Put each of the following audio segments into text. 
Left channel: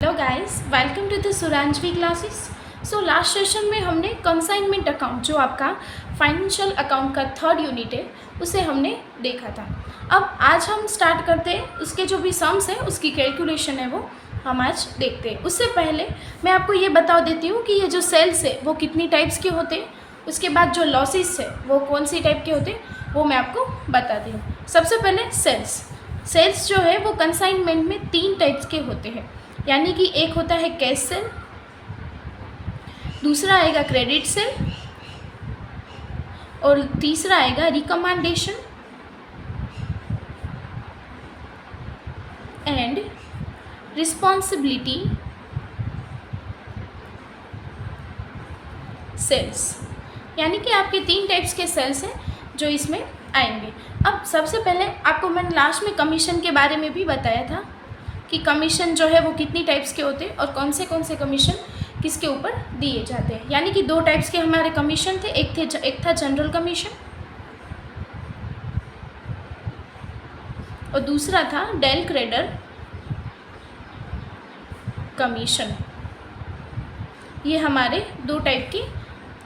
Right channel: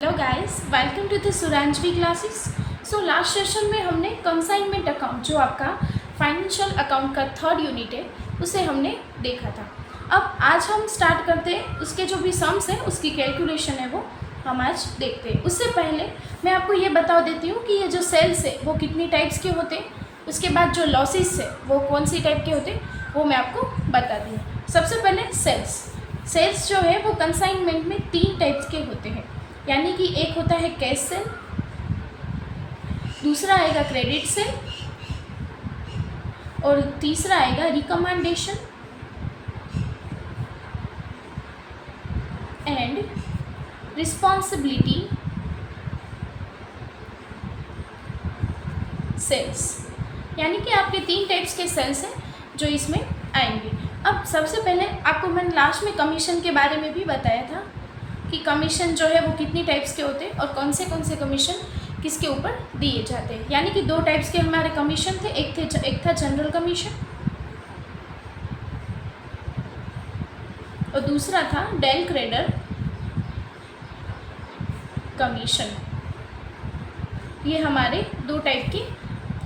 Hello guys, welcome to the Suranjavi classes. So last session में हमने consignment account, जो आपका फाइनेंशियल अकाउंट का थर्ड यूनिट है, उसे हमने देखा था। अब आज हम स्टार्ट करते हैं, उसके जो भी सम्स है उसकी कैलकुलेशन है वो हम आज देखते हैं। उससे पहले मैं आपको ये बता देती हूँ कि ये जो सेल्स है वो कितनी टाइप्स के होते हैं, उसके बाद जो लॉसेस है वो कौन सी टाइप के होते हैं वो मैं आपको बताती हूँ। सबसे पहले सेल्स जो है वो कंसाइनमेंट में 3 टाइप्स के होते हैं, यानी कि एक होता है कैश सेल, दूसरा आएगा क्रेडिट सेल और तीसरा आएगा रिकमेंडेशन एंड रिस्पॉन्सिबिलिटी सेल्स। यानी कि आपके 3 टाइप्स के सेल्स हैं जो इसमें आएंगे। अब सबसे पहले आपको मैंने लास्ट में कमीशन के बारे में भी बताया था कि कमीशन जो है वो कितनी टाइप्स के होते हैं और कौन से कमीशन किसके ऊपर दिए जाते हैं। यानी कि 2 टाइप्स के हमारे कमीशन थे, एक था जनरल कमीशन और दूसरा था डेल क्रेडर कमीशन। ये हमारे 2 टाइप की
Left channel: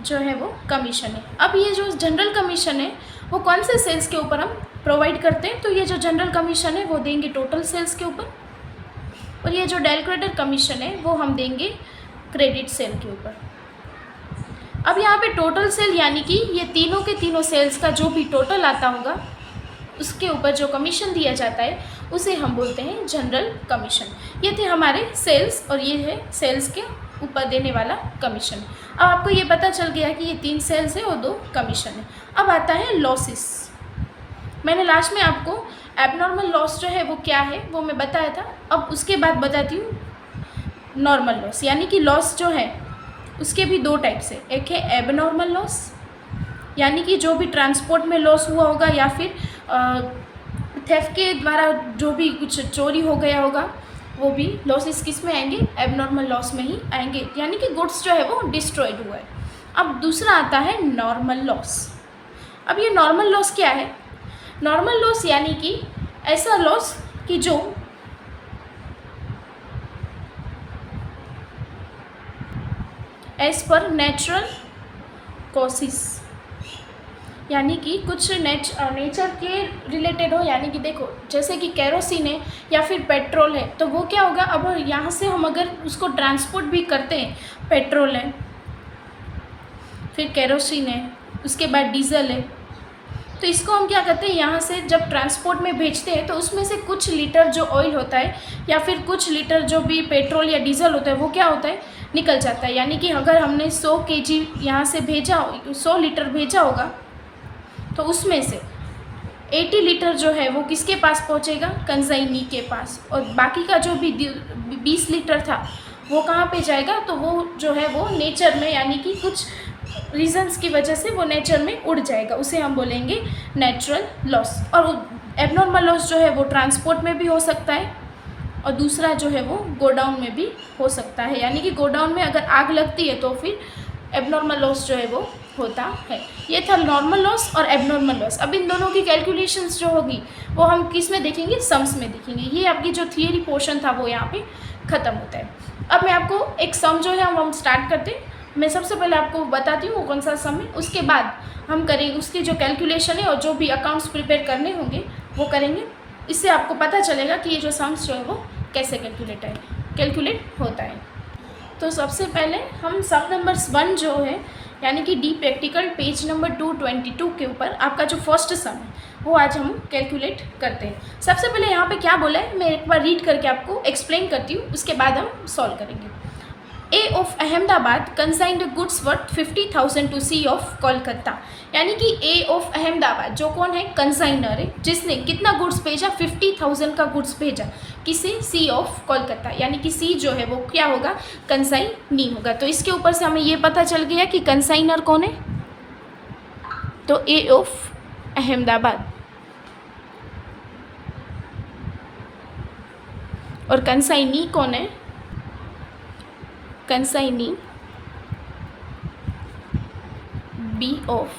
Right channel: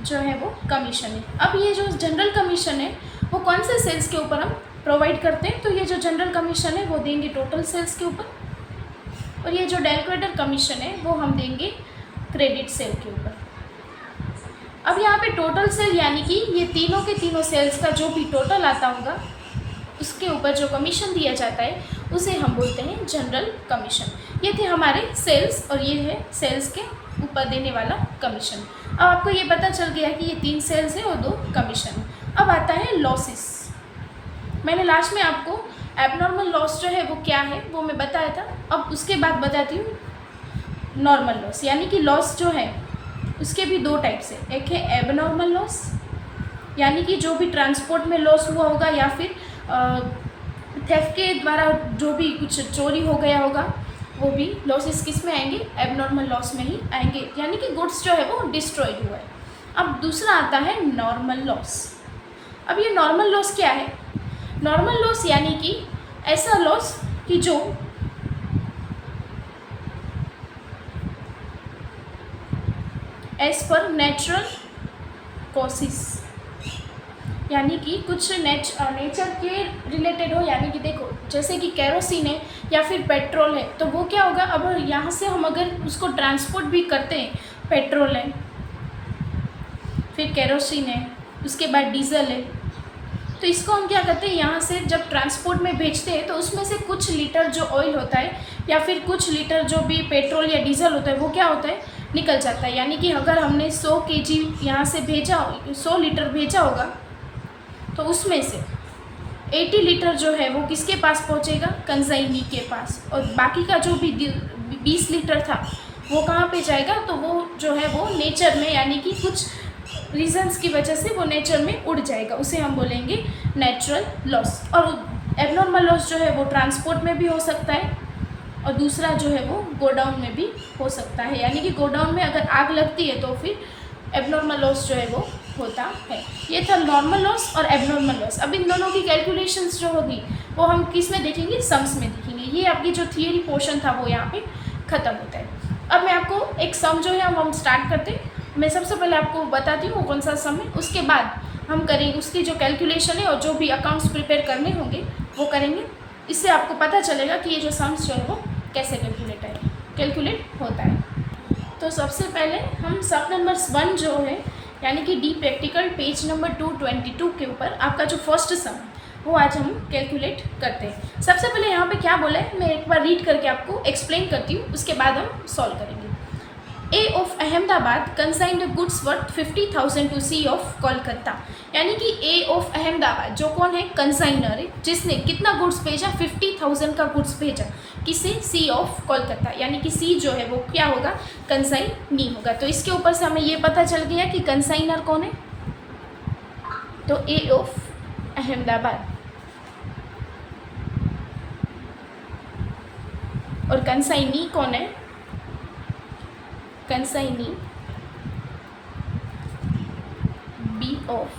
जो है वो कमीशन है। अब ये जो जनरल कमीशन है वो कौन से सेल्स के ऊपर हम प्रोवाइड करते हैं, तो ये जो जनरल कमीशन है वो देंगे टोटल सेल्स के ऊपर, और ये जो डेल क्रेडर कमीशन है वो हम देंगे क्रेडिट सेल के ऊपर। अब यहाँ पे टोटल सेल यानी कि ये तीनों के तीनों सेल्स का जो भी टोटल आता होगा उसके ऊपर जो कमीशन दिया जाता है उसे हम बोलते हैं जनरल कमीशन। ये थे हमारे सेल्स और ये है सेल्स के ऊपर देने वाला कमीशन। अब आपको ये पता चल गया कि ये 3 सेल्स है और 2 कमीशन है। अब आता है लॉसेस। मैंने लास्ट में आपको एबनॉर्मल लॉस जो है वो क्या है वो मैं बताया था। अब उसके बाद बताती हूँ नॉर्मल लॉस। यानी कि लॉस जो है उसके भी 2 टाइप्स है। एक है एबनॉर्मल लॉस, यानी कि जो भी ट्रांसपोर्ट में लॉस हुआ होगा या फिर थेफ्ट के द्वारा जो भी कुछ चोरी हो गया होगा, वो भी लॉसेस किस में आएंगे, एबनॉर्मल लॉस में ही आएंगे, यानी कि गुड्स जो है वो डिस्ट्रॉयड हुआ है। अब दूसरा आता है नॉर्मल लॉस। अब ये नॉर्मल लॉस क्या है? नॉर्मल लॉस यानी कि ऐसा लॉस कि जो एज पर नेचुरल कॉसेस, यानी कि कुछ नेचर के रिलेटेड हो। यानी कि देखो, जैसे कि केरोसिन है या फिर पेट्रोल है, तो वो क्या होगा, अब यहाँ से हम अगर उसको ट्रांसपोर्ट भी करते हैं, पेट्रोल है फिर केरोसिन है उसके बाद डीजल है, तो इसको हम क्या करते हैं, यहाँ से जब ट्रांसपोर्ट में भेजते हैं तो उसमें से कुछ लीटर जो ऑयल होता है या फिर कुछ लीटर जो भी पेट्रोल या डीजल होता है वो क्या होता है, निकल जाता है। यानी कि अगर हमने 100 kg यहाँ से भेजा, 100 लीटर भेजा होगा, तो उसमें से 80 लीटर जो है वो किसके पास पहुँचेगा, कंसाइनी के पास, और बाकी का जो भी 20 लीटर था वो कहाँ पे जाएगा, तो वो जो है वो नेचर में, यानी कि कुछ रीजंस की वजह से वो नेचर में उड़ जाएगा, उसे हम बोलेंगे नेचुरल लॉस। और एबनॉर्मल लॉस जो है वो ट्रांसपोर्ट में भी हो सकता है और दूसरा जो है वो गोडाउन में भी हो सकता है। यानी कि गोडाउन में अगर आग लगती है तो फिर एबनॉर्मल लॉस जो है वो होता है। ये था नॉर्मल लॉस और एबनॉर्मल लॉस। अब इन दोनों की कैलकुलेशंस जो होगी वो हम किस में देखेंगे, सम्स में देखेंगे। ये आपकी जो थियरी पोर्शन था वो यहाँ पे ख़त्म होता है। अब मैं आपको एक सम जो है वो हम स्टार्ट करते हैं। मैं सबसे पहले आपको बताती हूँ कौन सा सम है, उसके बाद हम करेंगे उसकी जो कैलकुलेशन है और जो भी अकाउंट्स प्रिपेयर करने होंगे वो करेंगे। इससे आपको पता चलेगा कि ये जो सम्स जो है वो कैसे कैलकुलेट होता है। तो सबसे पहले हम सम नंबर 1 जो है, यानी कि डी प्रैक्टिकल पेज नंबर 222 के ऊपर आपका जो फर्स्ट सम है वो आज हम कैलकुलेट करते हैं। सबसे पहले यहाँ पे क्या बोला है मैं एक बार रीड करके आपको एक्सप्लेन करती हूँ, उसके बाद हम सॉल्व करेंगे। A of Ahmedabad consigned goods worth 50,000 to C of Kolkata. यानी कि ए ऑफ अहमदाबाद जो कौन है, कंसाइनर है, जिसने कितना गुड्स भेजा, 50,000 का गुड्स भेजा, किसे, सी ऑफ कोलकाता। यानी कि सी जो है वो क्या होगा, कंसाइनी होगा। तो इसके ऊपर से हमें ये पता चल गया कि कंसाइनर कौन है, तो ए ऑफ अहमदाबाद, और कंसाइनी कौन है, कंसाइनी बी ऑफ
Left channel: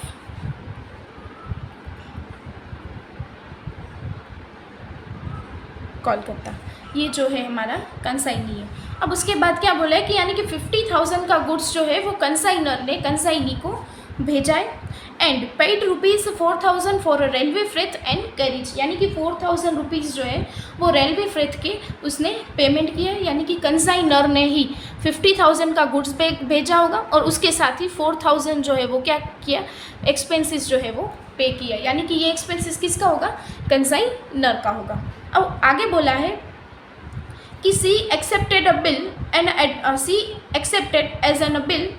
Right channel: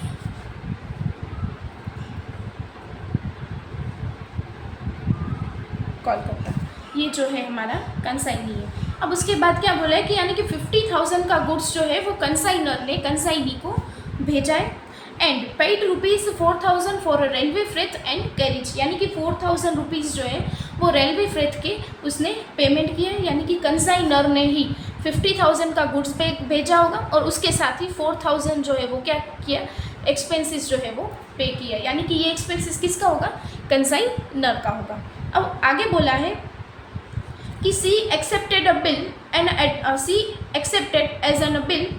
कोलकाता। ये जो है हमारा कंसाइनी है। अब उसके बाद क्या बोला है कि यानी कि 50,000 का गुड्स जो है वो कंसाइनर ने कंसाइनी को भेजा है and paid ₹4,000 for railway freight and carriage, यानी कि 4,000 रुपीज़ जो है वो रेलवे फ्रेट के उसने पेमेंट किया है, यानी कि कंसाइनर ने ही 50,000 का गुड्स भेजा होगा और उसके साथ ही 4,000 जो है वो क्या किया, एक्सपेंसेस जो है वो पे किया, यानी कि ये एक्सपेंसेस किसका होगा, कंसाइनर का होगा। अब आगे बोला है कि C accepted a bill and C accepted as an bill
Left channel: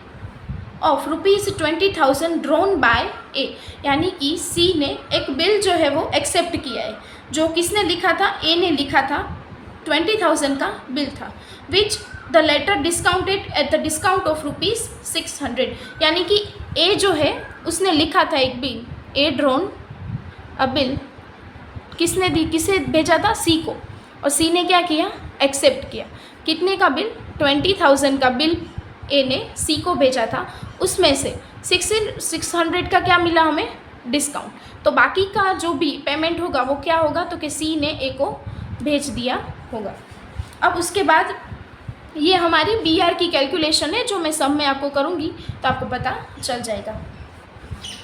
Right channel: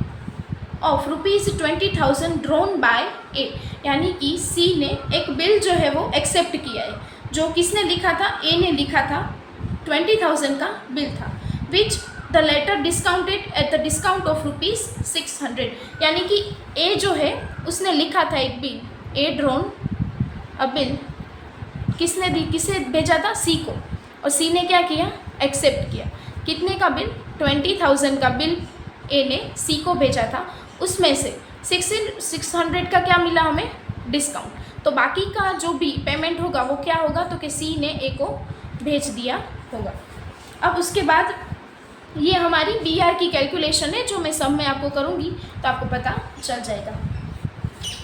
of ₹20,000 drawn by A, यानी कि सी ने एक बिल जो है वो एक्सेप्ट किया है, जो किसने लिखा था, ए ने लिखा था, 20,000 का बिल था, which the latter discounted at the discount of ₹600, यानी कि ए जो है उसने लिखा था एक बिल, ए ड्रोन अ बिल, किसने दी, किसे भेजा था, सी को, और सी ने क्या किया, एक्सेप्ट किया, कितने का बिल, 20,000 का बिल ए ने सी को भेजा था, उसमें से 600 का क्या मिला हमें, डिस्काउंट, तो बाकी का जो भी पेमेंट होगा वो क्या होगा, तो कि सी ने ए को भेज दिया होगा। अब उसके बाद ये हमारी BR की कैलकुलेशन है, जो मैं सब में आपको करूँगी तो आपको पता चल जाएगा।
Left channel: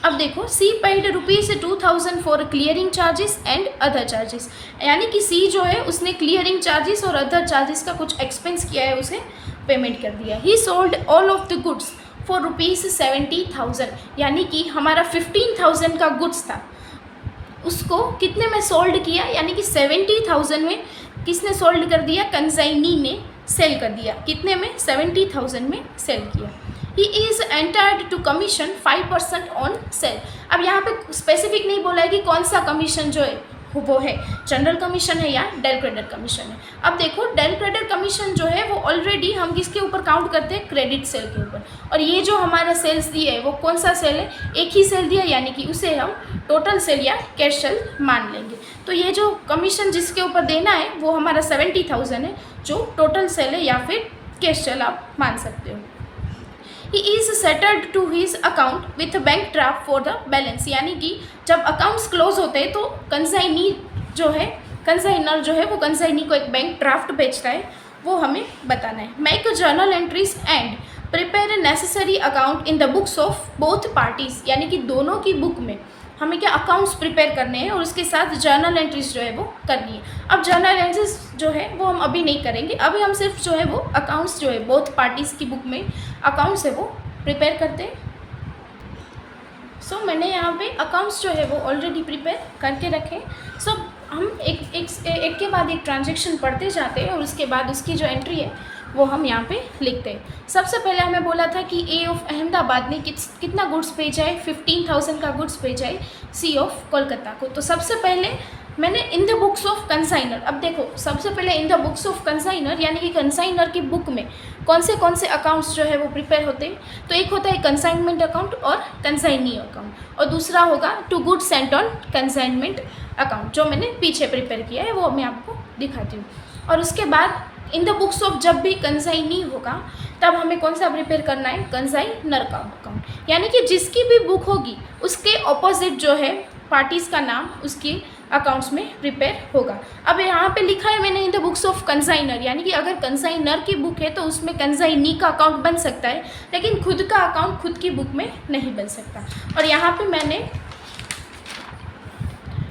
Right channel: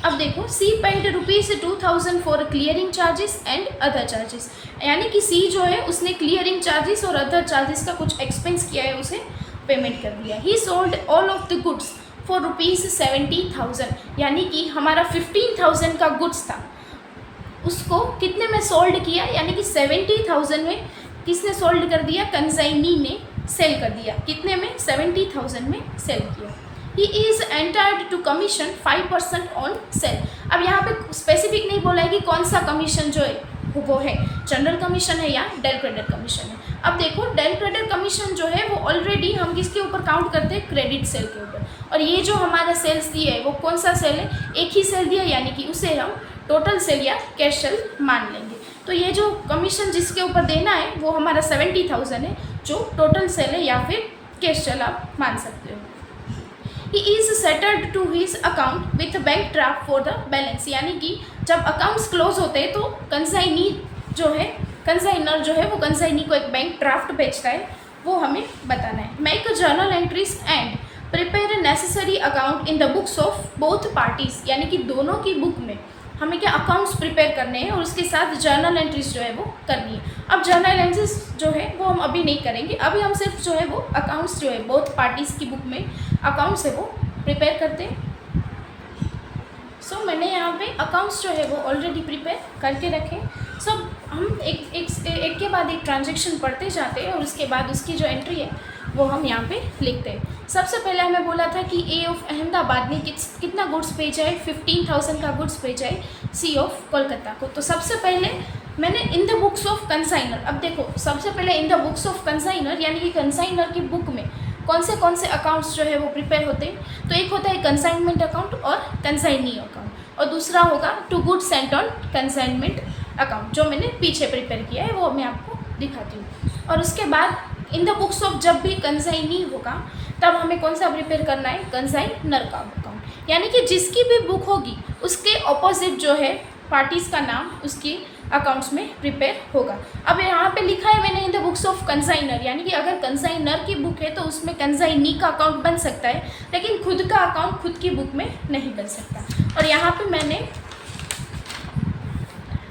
अब देखो, C paid ₹2,000 for clearing charges and other charges, यानी कि सी जो है उसने क्लियरिंग चार्जेस और अदर चार्जेस का कुछ एक्सपेंस किया है, उसे पेमेंट कर दिया। He sold all of the goods for ₹70,000, यानी कि हमारा 15,000 का गुड्स था, उसको कितने में सोल्ड किया, यानी कि 70,000 में किसने सोल्ड कर दिया, कंसाइनी ने सेल कर दिया, कितने में, 70,000 में सेल किया। He is entered to commission 5% on sale. अब यहाँ पे स्पेसिफिक नहीं बोला है कि कौन सा कमीशन जो है वो है, जनरल कमीशन है या डेल क्रेडिट कमीशन है। अब देखो, डेल क्रेडिट कमीशन जो है वो ऑलरेडी हम किसके ऊपर काउंट करते हैं, क्रेडिट सेल के ऊपर, और ये जो हमारा सेल्स दिए है वो कौन सा सेल है, एक ही सेल दिया, यानी कि उसे हम टोटल सेल या कैश सेल मान लेंगे। तो ये जो कमीशन जिसके ऊपर देना है वो हमारा 70,000 है, जो टोटल सेल है या फिर कैश सेल आप मान सकते हो। He is settled to his account with bank draft for the balance, यानी कि जब अकाउंट्स क्लोज होते हैं तो कंसाइनी जो है, कंसाइनर जो है वो कंसाइनी को एक बैंक ड्राफ्ट भेजता है, वो हमें बताना है। Make journal entries and prepare necessary account in the books of both parties, यानी कि दोनों की बुक में हमें क्या अकाउंट्स प्रिपेयर करने हैं और उसके साथ जर्नल एंट्रीज जो है वो करनी है। अब जर्नल एंट्रीज जो है वो हम अभी नहीं करेंगे, अभी हम सिर्फ जो है वो अकाउंट्स जो है बोथ पार्टीज़ की बुक में अकाउंट्स है वो प्रिपेयर करते हैं। सो मैंने यहाँ पे अकाउंट्स जो है वो ऑलरेडी प्रिपेयर करके रखे। सब हम एक के बाद एक ट्रांजेक्शन पढ़ते जाते हैं और उसके बाद उसकी जो एंट्री है वो हम यहाँ पे लिखते हैं। सबसे पहले हमें बोला था कि ए ऑफ अहमदाबाद ने कितना गुड्स भेजा है, 15,000 का गुड्स भेजा है सी ऑफ कोलकाता को। तो सबसे पहले मैंने in the books of consignor, अब देखो सबसे पहले in the books of consignor, यानी कि कंसाइनर की बुक में कौन से अकाउंट्स जो है वो प्रिपेयर होते हैं। तो एक होता है कंसाइनमेंट अकाउंट और कंसाइनी अकाउंट, और दूसरा होगा to goods sent on consignment account, जो मैंने पीछे प्रिपेयर किया है वो मैं आपको दिखाती हूँ। और उसके बाद इन द बुक्स ऑफ जब भी कंसाइनी होगा तब हमें कौन सा प्रिपेयर करना है, कंसाइनर का अकाउंट, यानी कि जिसकी भी बुक होगी उसके ऑपोजिट जो है पार्टीज़ का नाम उसकी अकाउंट्स में प्रिपेयर होगा। अब यहाँ पे लिखा है मैंने in the books of consignor, यानी कि अगर कंसाइनर की बुक है तो उसमें कंसाइनी का अकाउंट बन सकता है, लेकिन खुद का अकाउंट खुद की बुक में नहीं बन सकता। और यहाँ पे मैंने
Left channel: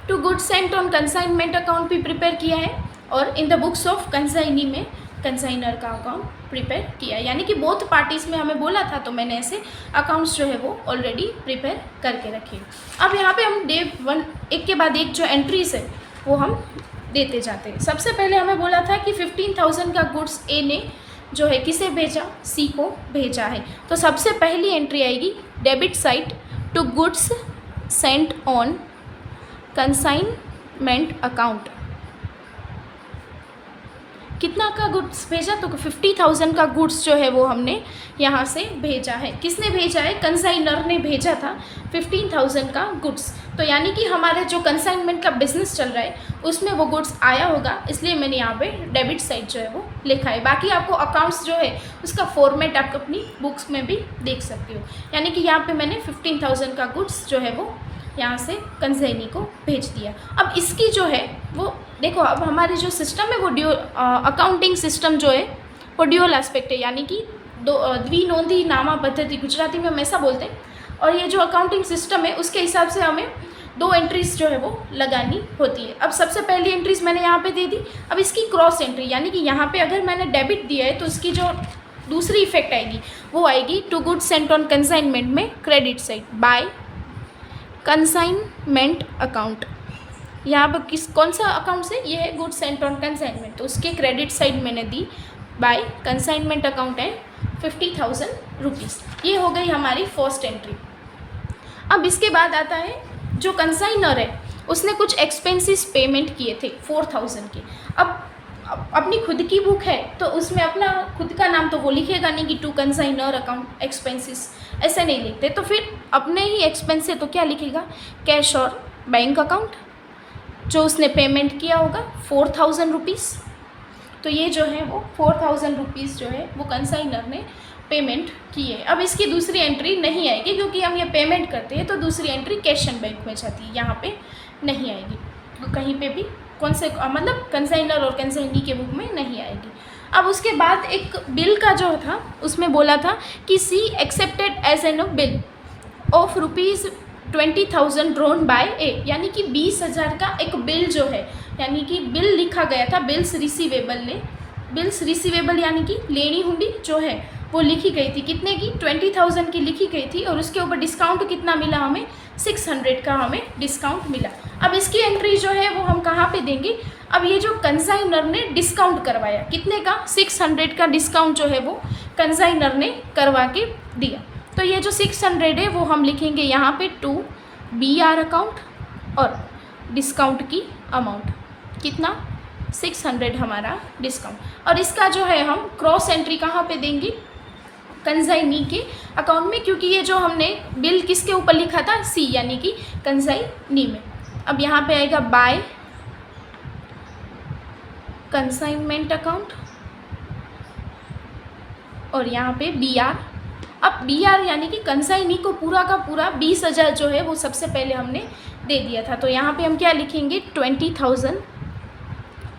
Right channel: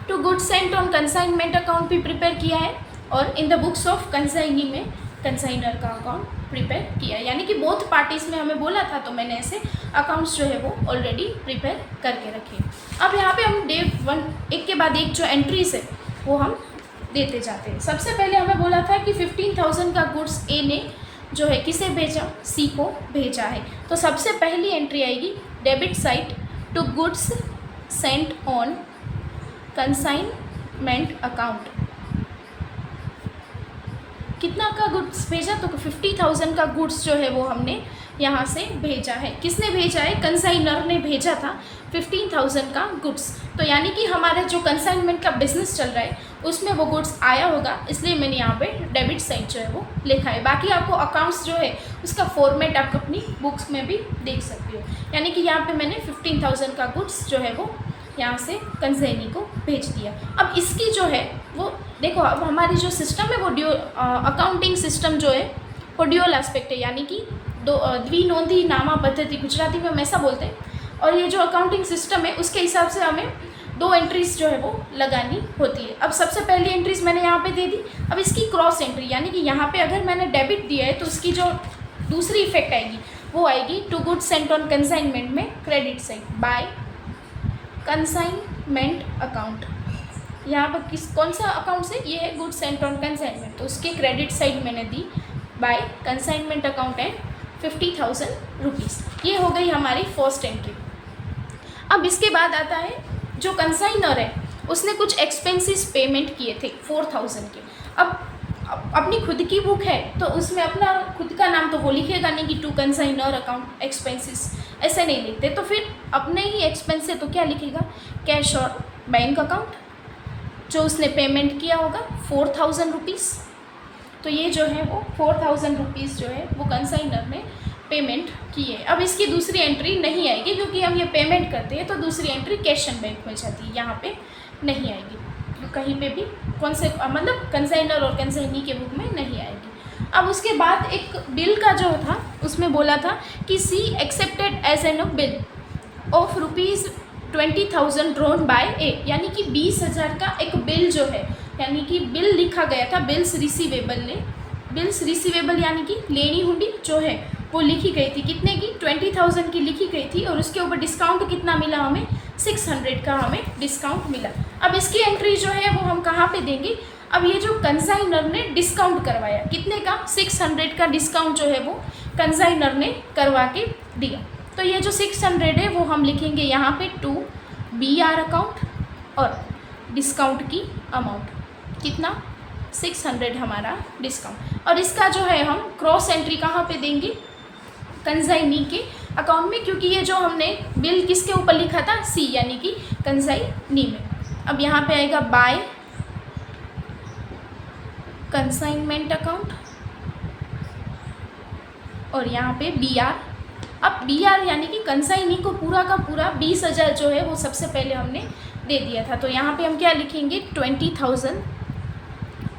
to goods sent on consignment account भी प्रिपेयर किया है और in the books of consignee में कंसाइनर का अकाउंट प्रिपेयर किया है, यानी कि बोथ पार्टीज़ में हमें बोला था तो मैंने ऐसे अकाउंट्स जो है वो ऑलरेडी प्रिपेयर करके रखे। अब यहाँ पे हम डे 1 एक के बाद एक जो एंट्रीज है वो हम देते जाते हैं। सबसे पहले हमें बोला था कि 15,000 का गुड्स ए ने जो है किसे भेजा, सी को भेजा है। तो सबसे पहली एंट्री आएगी debit side to goods sent on consignment account. कितना का गुड्स भेजा, तो 50,000 का गुड्स जो है वो हमने यहाँ से भेजा है। किसने भेजा है, कंसाइनर ने भेजा था 15,000 का गुड्स। तो यानी कि हमारा जो कंसाइनमेंट का बिजनेस चल रहा है उसमें वो गुड्स आया होगा, इसलिए मैंने यहाँ पे डेबिट साइड जो है वो लिखा है। बाकी आपको अकाउंट्स जो है उसका फॉर्मेट आप अपनी बुक्स में भी देख सकते हो, यानी कि यहाँ पे मैंने 15,000 का गुड्स जो है वो यहाँ से कंसाइनी को भेज दिया। अब इसकी जो है वो देखो, अब हमारी जो सिस्टम है वो अकाउंटिंग सिस्टम जो है वो ड्यूअल एस्पेक्ट है, यानी कि द्विनोंदी नामा पद्धति, गुजराती में हम ऐसा बोलते हैं। और ये जो अकाउंटिंग सिस्टम है उसके हिसाब से हमें 2 एंट्रीज जो है वो लगानी होती है। अब सबसे पहली एंट्रीज मैंने यहाँ पे दे दी। अब इसकी क्रॉस एंट्री, यानी कि यहाँ पे अगर मैंने डेबिट दिया है तो इसकी जो दूसरी इफेक्ट आएगी वो आएगी to goods sent on consignment में credit side by consignment account. यहाँ पर कौन सा अकाउंट से, ये है गुड्स सेंट ऑन कंसाइनमेंट, तो उसके क्रेडिट साइड मैंने दी by consignment account and 50,000 rupees. ये हो गई हमारी फर्स्ट एंट्री। अब इसके बाद आता है जो कंसाइनर है उसने कुछ एक्सपेंसेस पेमेंट किए थे 4,000 के। अब अपनी खुद की बुक है तो उसमें अपना खुद का नाम तो वो लिखेगा नहीं कि टू कंसाइनर अकाउंट एक्सपेंसेस, ऐसे नहीं लिखते। तो फिर अपने ही एक्सपेंस है तो क्या लिखेगा, कैश और बैंक अकाउंट, जो उसने पेमेंट किया होगा 4,000 रुपीज़। तो ये जो है वो 4,000 रुपीज़ जो है वो कंसाइनर ने पेमेंट की है। अब इसकी दूसरी एंट्री नहीं आएगी क्योंकि हम ये पेमेंट करते हैं, तो दूसरी एंट्री कैश एंड बैंक में जाती है, यहाँ पे नहीं आएगी। तो कहीं पे भी कौन से मतलब कंसाइनर और कंसाइनी के बुक में नहीं आएगी। अब उसके बाद एक बिल का जो था उसमें बोला था कि C accepted as an bill of ₹20,000 drawn by A, यानी कि 20,000 का एक बिल जो है, यानी कि बिल लिखा गया था, बिल्स रिसीवेबल ने, बिल्स रिसीवेबल यानी कि लेनी हुंडी जो है वो लिखी गई थी, कितने की, 20,000 की लिखी गई थी। और उसके ऊपर डिस्काउंट कितना मिला हमें, 600 का हमें डिस्काउंट मिला। अब इसकी एंट्री जो है वो हम कहाँ पे देंगे, अब ये जो कंसाइनर ने डिस्काउंट करवाया कितने का, 600 का डिस्काउंट जो है वो कंसाइनर ने करवा के दिया। तो ये जो 600 है वो हम लिखेंगे यहाँ पे टू BR अकाउंट और डिस्काउंट की अमाउंट कितना, 600 हमारा डिस्काउंट। और इसका जो है हम क्रॉस एंट्री कहाँ पे देंगे, कंसाइनी के अकाउंट में, क्योंकि ये जो हमने बिल किसके ऊपर लिखा था, C, यानी कि कंसाइनी में। अब यहाँ पे आएगा बाय कंसाइनमेंट अकाउंट और यहाँ पे BR। अब BR यानी कि कंसाइनी को पूरा का पूरा 20,000 जो है वो सबसे पहले हमने दे दिया था। तो यहाँ पे हम क्या लिखेंगे, 20,000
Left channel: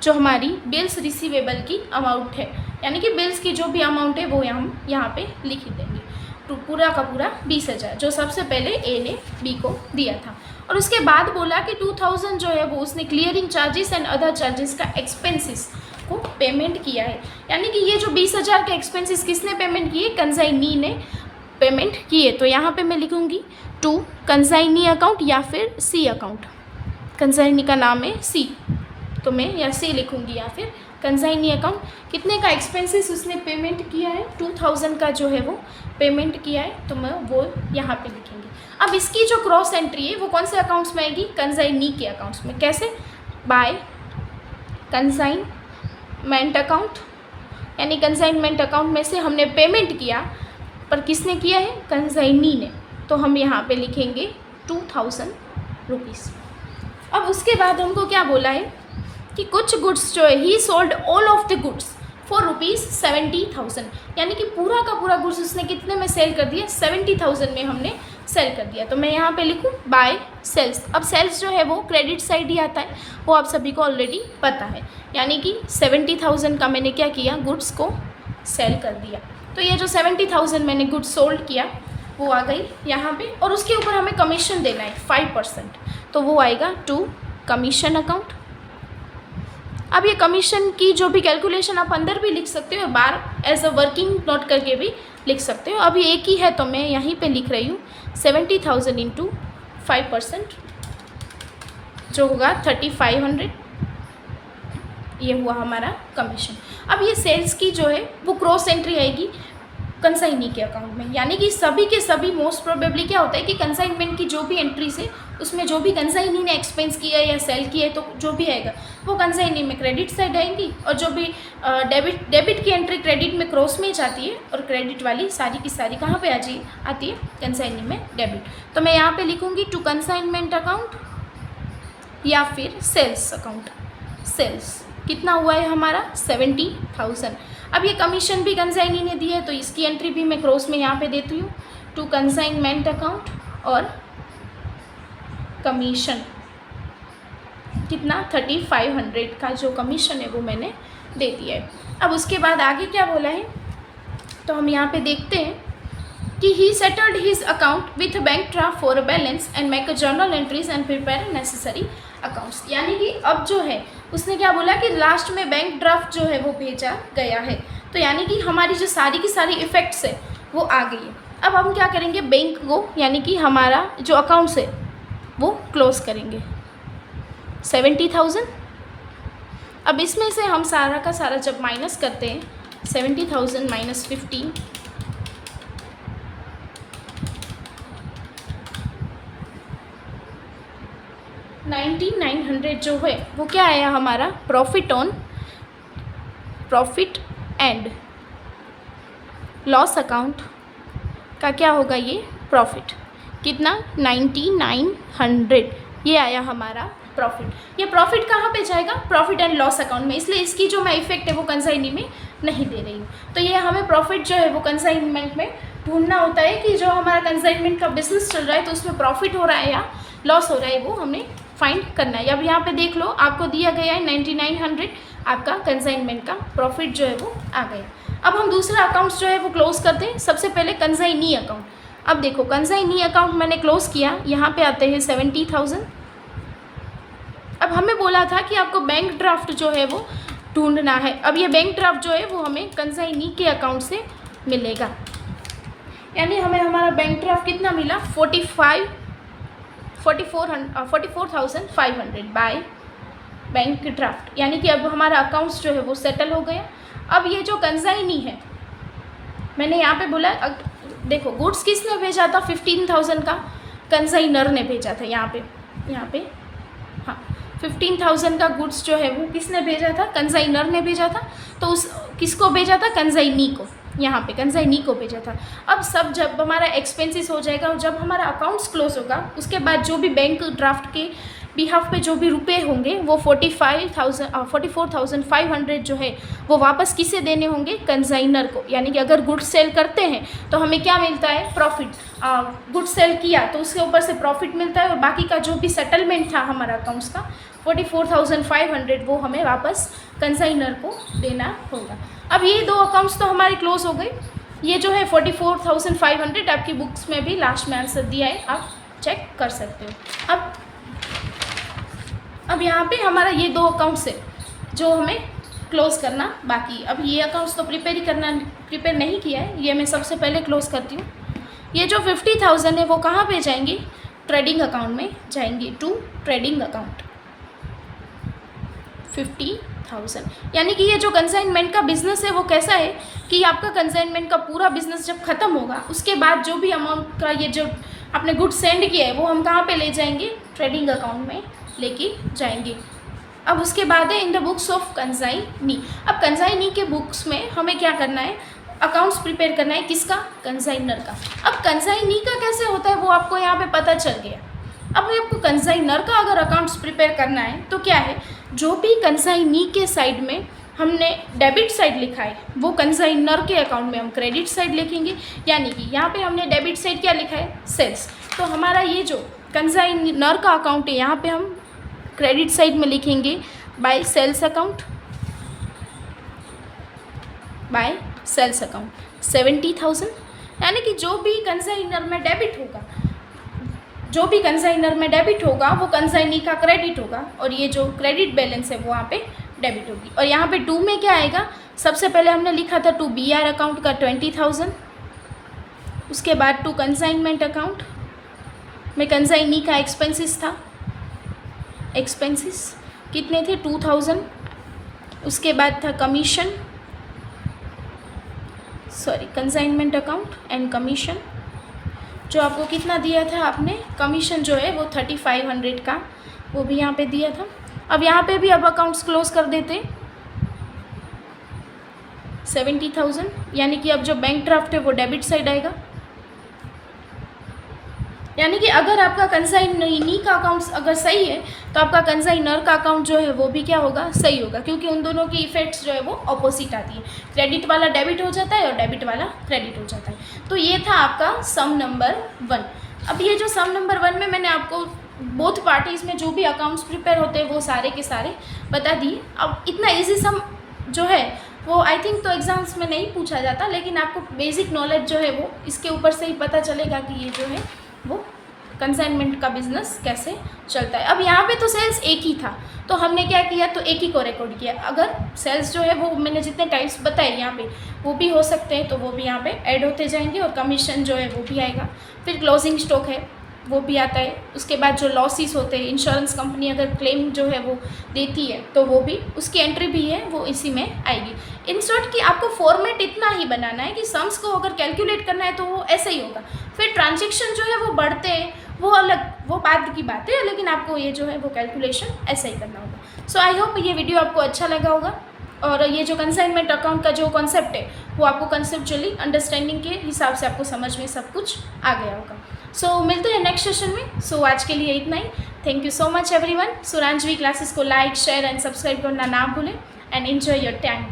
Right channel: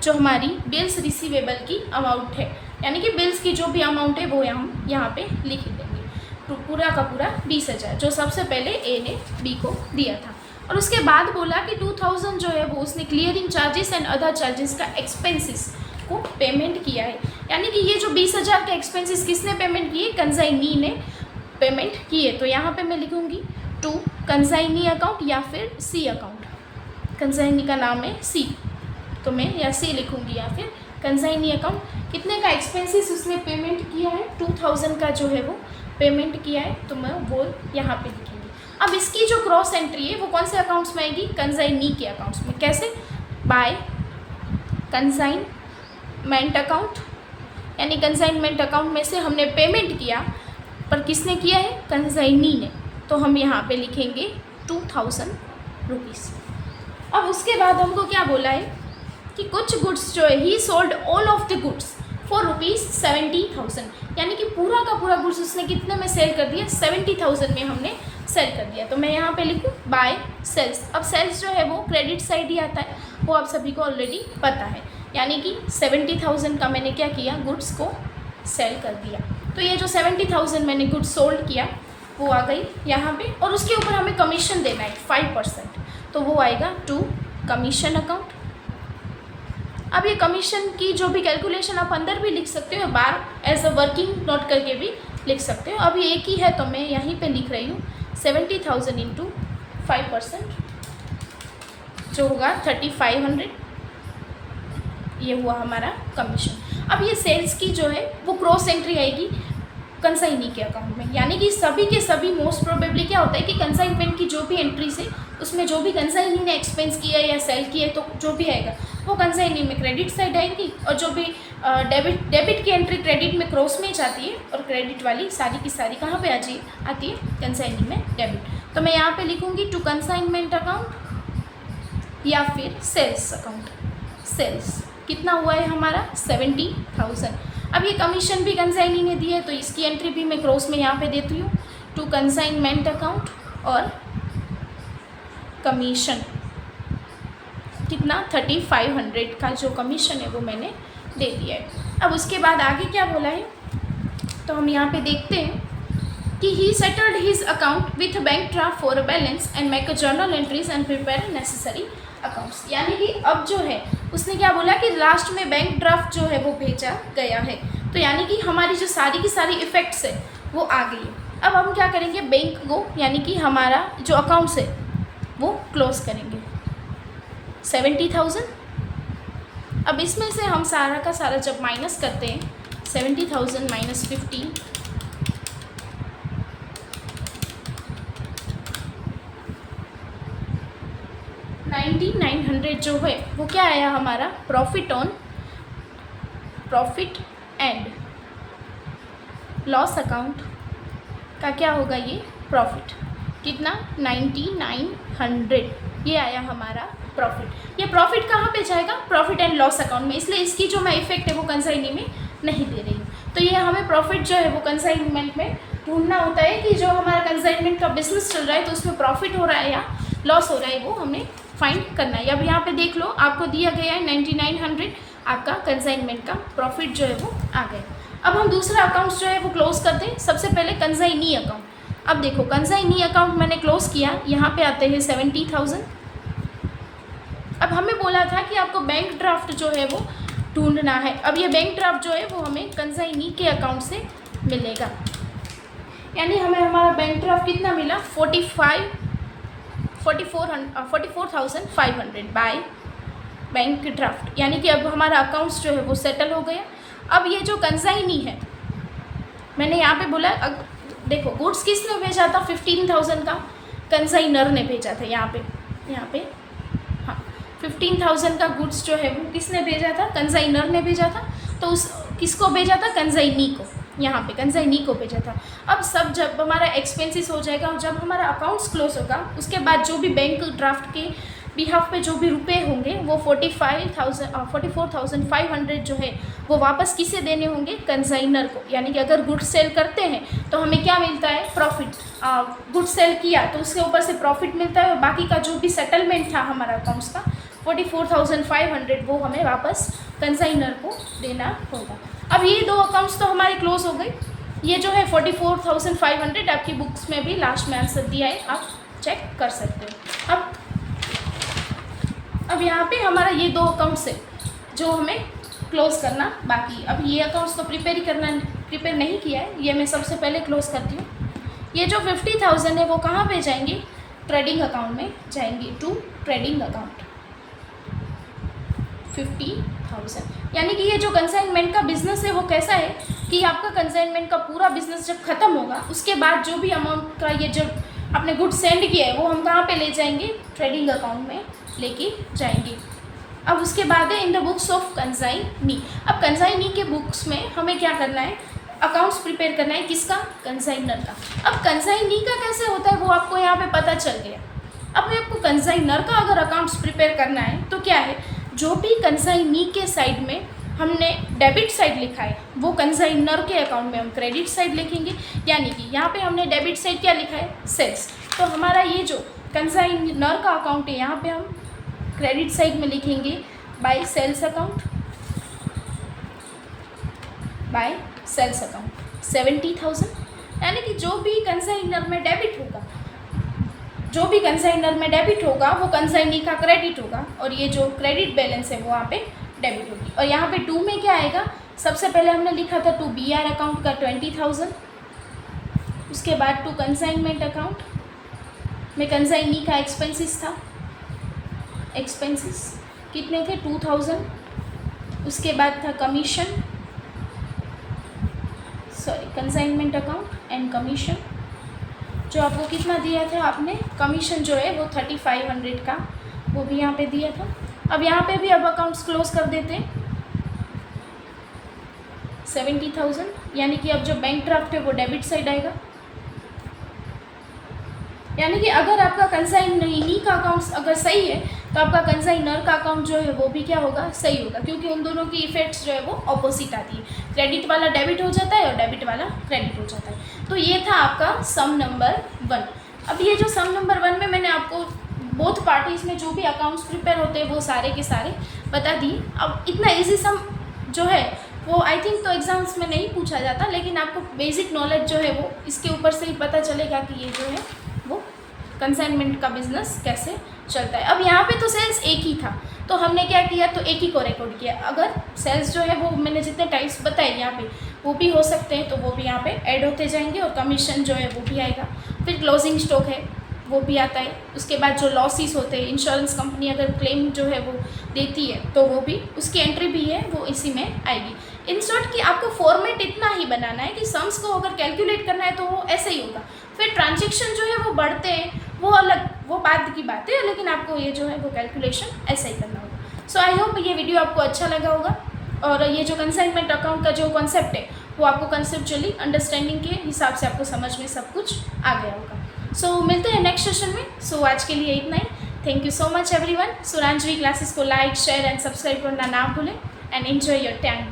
जो हमारी बिल्स रिसीवेबल की अमाउंट है, यानी कि बिल्स की जो भी अमाउंट है वो हम यहाँ पे लिख देंगे। तो पूरा का पूरा 20,000 जो सबसे पहले A ने B को दिया था। और उसके बाद बोला कि 2,000 जो है वो उसने clearing charges and other charges का एक्सपेंसेस को पेमेंट किया है, यानी कि ये जो 20,000 के एक्सपेंसेस किसने पेमेंट किए, कंसाइनी ने पेमेंट किए। तो यहाँ पे मैं लिखूँगी टू कंसाइनी अकाउंट या फिर C अकाउंट, कंसाइनी का नाम है C, तो मैं या C लिखूँगी या फिर कंसाइनी अकाउंट। कितने का एक्सपेंसेस उसने पेमेंट किया है, 2,000 का जो है वो पेमेंट किया है, तो मैं वो यहाँ पे लिखेंगे। अब इसकी जो क्रॉस एंट्री है वो कौन से अकाउंट्स में आएगी, कंसाइनी के अकाउंट्स में। कैसे, बाय कंसाइनमेंट अकाउंट, यानी कंसाइनमेंट अकाउंट में से हमने पेमेंट किया, पर किसने किया है, कंसाइनी ने, तो हम यहाँ पे लिखेंगे 2,000 रुपीज़। अब उसके बाद हमको क्या बोला है कि कुछ गुड्स जो है ही sold all of the goods for ₹70,000, यानी कि पूरा का पूरा गुड्स उसने कितने में सेल कर दिया, 70,000 में हमने सेल कर दिया। तो मैं यहाँ पे लिखूँ बाय सेल्स। अब सेल्स जो है वो क्रेडिट साइड ही आता है, वो आप सभी को ऑलरेडी पता है, यानी कि 70,000 का मैंने क्या किया, गुड्स को सेल कर दिया। तो ये जो 70,000 मैंने गुड्स सोल्ड किया वो आ गई यहाँ पे, और उसके ऊपर हमें कमीशन देना है 5%, तो वो आएगा टू कमीशन अकाउंट। अब ये कमीशन की जो भी कैलकुलेशन आप अंदर भी लिख सकते हो, बार एज अ वर्किंग नोट करके भी लिख सकते हो। अभी एक ही है तो मैं यहीं पे लिख रही हूँ 70,000 इंटू 5% जो होगा 3,500, ये हुआ हमारा कमीशन। अब ये सेल्स की जो है वो क्रॉस एंट्री आएगी कंसाइनी के अकाउंट में, यानी कि सभी के सभी मोस्ट प्रोबेबली क्या होता है कि कंसाइनमेंट की जो भी एंट्रीज है उसमें जो भी कंसाइनी ने एक्सपेंस किया या सेल किया है तो जो भी आएगा वो कंसाइनी में क्रेडिट साइड आएगी, और जो भी डेबिट की एंट्री क्रेडिट में क्रॉस में जाती है, और क्रेडिट वाली सारी की सारी कहाँ पे आती है, कंसाइनी में डेबिट। तो मैं यहाँ पे लिखूँगी टू कंसाइनमेंट अकाउंट या फिर सेल्स अकाउंट। सेल्स कितना हुआ है हमारा 70,000। अब ये कमीशन भी कंसाइनी ने दी है तो इसकी एंट्री भी मैं क्रॉस में यहाँ पे देती हूँ टू कंसाइनमेंट अकाउंट और कमीशन, कितना 3500 का जो कमीशन है वो मैंने दे दिया है। अब उसके बाद आगे क्या बोला है, तो हम यहाँ पे देखते हैं कि ही settled his account with bank draft for balance and make journal entries and prepare necessary accounts. यानी कि अब जो है उसने क्या बोला कि लास्ट में बैंक ड्राफ्ट जो है वो भेजा गया है, तो यानी कि हमारी जो सारी की सारी इफ़ेक्ट्स है वो आ गई है। अब हम क्या करेंगे, बैंक को यानी कि हमारा जो अकाउंट्स है वो क्लोज करेंगे 70,000। अब इसमें से हम सारा का सारा जब माइनस करते हैं 70,000 माइनस 15, 9900 जो है वो क्या आया हमारा, प्रॉफिट एंड लॉस अकाउंट का क्या होगा, ये प्रॉफिट कितना 9900, ये आया हमारा प्रॉफिट। ये प्रॉफिट कहाँ पे जाएगा, प्रॉफिट एंड लॉस अकाउंट में, इसलिए इसकी जो मैं इफेक्ट है वो कंसाइनी में नहीं दे रही हूँ। तो ये हमें प्रॉफिट जो है वो कंसाइनमेंट में ढूंढना होता है कि जो हमारा कंसाइनमेंट का बिजनेस चल रहा है तो उसमें प्रॉफिट हो रहा है या लॉस हो रहा है, वो हमें फाइंड करना है। अब यहाँ पे देख लो, आपको दिया गया है 9900, आपका कंसाइनमेंट का प्रॉफिट जो है वो आ गया। अब हम दूसरा अकाउंट्स जो है वो क्लोज करते हैं। सबसे पहले कंसाइनी अकाउंट। अब देखो कंसाइनी अकाउंट मैंने क्लोज किया, यहाँ पे आते हैं 70,000। अब हमें बोला था कि आपको बैंक ड्राफ्ट जो है वो ढूंढना है। अब ये बैंक ड्राफ्ट जो है वो हमें कंसाइनी के अकाउंट से मिलेगा, यानी हमें हमारा बैंक ड्राफ्ट कितना मिला, 44,500 बाय बैंक ड्राफ्ट, यानी कि अब हमारा अकाउंट्स जो है वो सेटल हो गया। अब ये जो कंसाइनी है, मैंने यहाँ पे बोला देखो गुड्स किसने भेजा था, 15,000 का कंसाइनर ने भेजा था। यहाँ पे हाँ 15,000 का गुड्स जो है वो किसने भेजा था, कंसाइनर ने भेजा था। तो उस किसको भेजा था, कंसाइनी को, यहाँ पे कंसाइनी को भेजा था। अब सब जब हमारा एक्सपेंसेस हो जाएगा और जब हमारा अकाउंट्स क्लोज होगा उसके बाद जो भी बैंक ड्राफ्ट के बिहाफ पे जो भी रुपए होंगे वो 44,500 जो है वो वापस किसे देने होंगे, कंसाइनर को। यानी कि अगर गुड्स सेल करते हैं तो हमें क्या मिलता है, प्रॉफिट। गुड्स सेल किया तो उसके ऊपर से प्रॉफिट मिलता है और बाकी का जो भी सेटलमेंट था हमारा अकाउंट्स का 44,500 वो हमें वापस कंसाइनर को देना होगा। अब ये दो अकाउंट्स तो हमारे क्लोज हो गए। ये जो है 44,500 आपकी बुक्स में भी लास्ट में आंसर दिया है, आप चेक कर सकते हो। अब यहाँ पे हमारा ये दो अकाउंट्स है जो हमें क्लोज करना बाकी। अब ये अकाउंट्स तो प्रिपेयर नहीं किया है, ये मैं सबसे पहले क्लोज करती हूँ। ये जो 50,000 है वो कहाँ पे जाएंगे, ट्रेडिंग अकाउंट में जाएंगे, टू ट्रेडिंग अकाउंट 50,000। यानी कि ये जो कंसाइनमेंट का बिजनेस है वो कैसा है कि आपका कंसाइनमेंट का पूरा बिजनेस जब ख़त्म होगा उसके बाद जो भी अमाउंट का ये जो आपने गुड सेंड किया है वो हम कहाँ पे ले जाएंगे, ट्रेडिंग अकाउंट में लेके जाएंगे। अब उसके बाद है इन द बुक्स ऑफ कंसाइनी। अब कंसाइनी के बुक्स में हमें क्या करना है, अकाउंट्स प्रिपेयर करना है, किसका, कंसाइनर का। अब कंसाइनी का कैसे होता है वो आपको यहाँ पे पता चल गया। अब आपको कंसाइनर का अगर अकाउंट्स प्रिपेयर करना है तो क्या है, जो भी कंसाइनी के साइड में हमने डेबिट साइड लिखा है वो कंसाइनर के अकाउंट में हम क्रेडिट साइड लिखेंगे। यानी कि यहाँ पे हमने डेबिट साइड क्या लिखा है, सेल्स, तो हमारा ये जो कंसाइनर का अकाउंट है यहाँ पे हम क्रेडिट साइड में लिखेंगे by sales account, by sales account 70,000। यानी कि जो भी कंसाइनर में डेबिट होगा वो कंसाइनी का क्रेडिट होगा और ये जो क्रेडिट बैलेंस है वो वहाँ पे डेबिट होगी। और यहाँ पे 2 में क्या आएगा, सबसे पहले हमने लिखा था 2 BR अकाउंट का 20,000, उसके बाद 2 कंसाइनमेंट अकाउंट में कंसाइनी का एक्सपेंसेस था, एक्सपेंसेस कितने थे 2,000, उसके बाद था कंसाइनमेंट अकाउंट एंड कमीशन जो आपको कितना दिया था आपने, कमीशन जो है वो 3,500 का वो भी यहाँ पे दिया था। अब यहाँ पे भी अब अकाउंट्स क्लोज कर देते 70,000, यानी कि अब जो बैंक ड्राफ्ट है वो डेबिट साइड आएगा। यानी कि अगर आपका कंसाइनी का अकाउंट्स अगर सही है तो आपका कंसाइनर का अकाउंट जो है वो भी क्या होगा, सही होगा, क्योंकि उन दोनों की इफेक्ट्स जो है वो ऑपोजिट आती है। क्रेडिट वाला डेबिट हो जाता है और डेबिट वाला क्रेडिट हो जाता है। तो ये था आपका सम नंबर 1। अब ये जो सम नंबर 1 में मैंने आपको बोथ पार्टीज़ में जो भी अकाउंट्स प्रिपेयर होते हैं वो सारे के सारे बता दिए। अब इतना ईजी सम जो है वो आई थिंक तो एग्ज़ाम्स में नहीं पूछा जाता, लेकिन आपको बेसिक नॉलेज जो है वो इसके ऊपर से ही पता चलेगा कि ये जो है वो कंसाइनमेंट का बिज़नेस कैसे चलता है। अब यहाँ पे तो सेल्स एक ही था, तो हमने क्या किया, तो एक ही को रिकॉर्ड किया। अगर सेल्स जो है वो मैंने जितने टाइप्स बताए यहाँ पे वो भी हो सकते हैं, तो वो भी यहाँ पे ऐड होते जाएंगे, और कमीशन जो है वो भी आएगा। फिर क्लोजिंग स्टॉक है वो भी आता है। उसके बाद जो लॉसेस होते हैं, इंश्योरेंस कंपनी अगर क्लेम जो है वो देती है तो वो भी उसकी एंट्री भी है वो इसी में आएगी। इन शॉर्ट कि आपको फॉर्मेट इतना ही बनाना है कि सम्स को अगर कैलकुलेट करना है तो वो ऐसे ही होगा। फिर ट्रांजेक्शन जो है वो बढ़ते हैं वो अलग, वो बात की बात है, लेकिन आपको ये जो है वो कैलकुलेशन ऐसा ही करना होगा। सो आई होप ये वीडियो आपको अच्छा लगा होगा, और ये जो कंसाइनमेंट अकाउंट का जो कॉन्सेप्ट है वो आपको कंसेप्चुअली अंडरस्टैंडिंग के हिसाब से आपको समझ में सब कुछ आ गया होगा। सो मिलते हैं नेक्स्ट सेशन में। सो आज के लिए इतना ही। Thank you so much everyone. Suranjavi classes को लाइक, शेयर एंड सब्सक्राइब करना ना भूलें, एंड एंजॉय योर टाइम।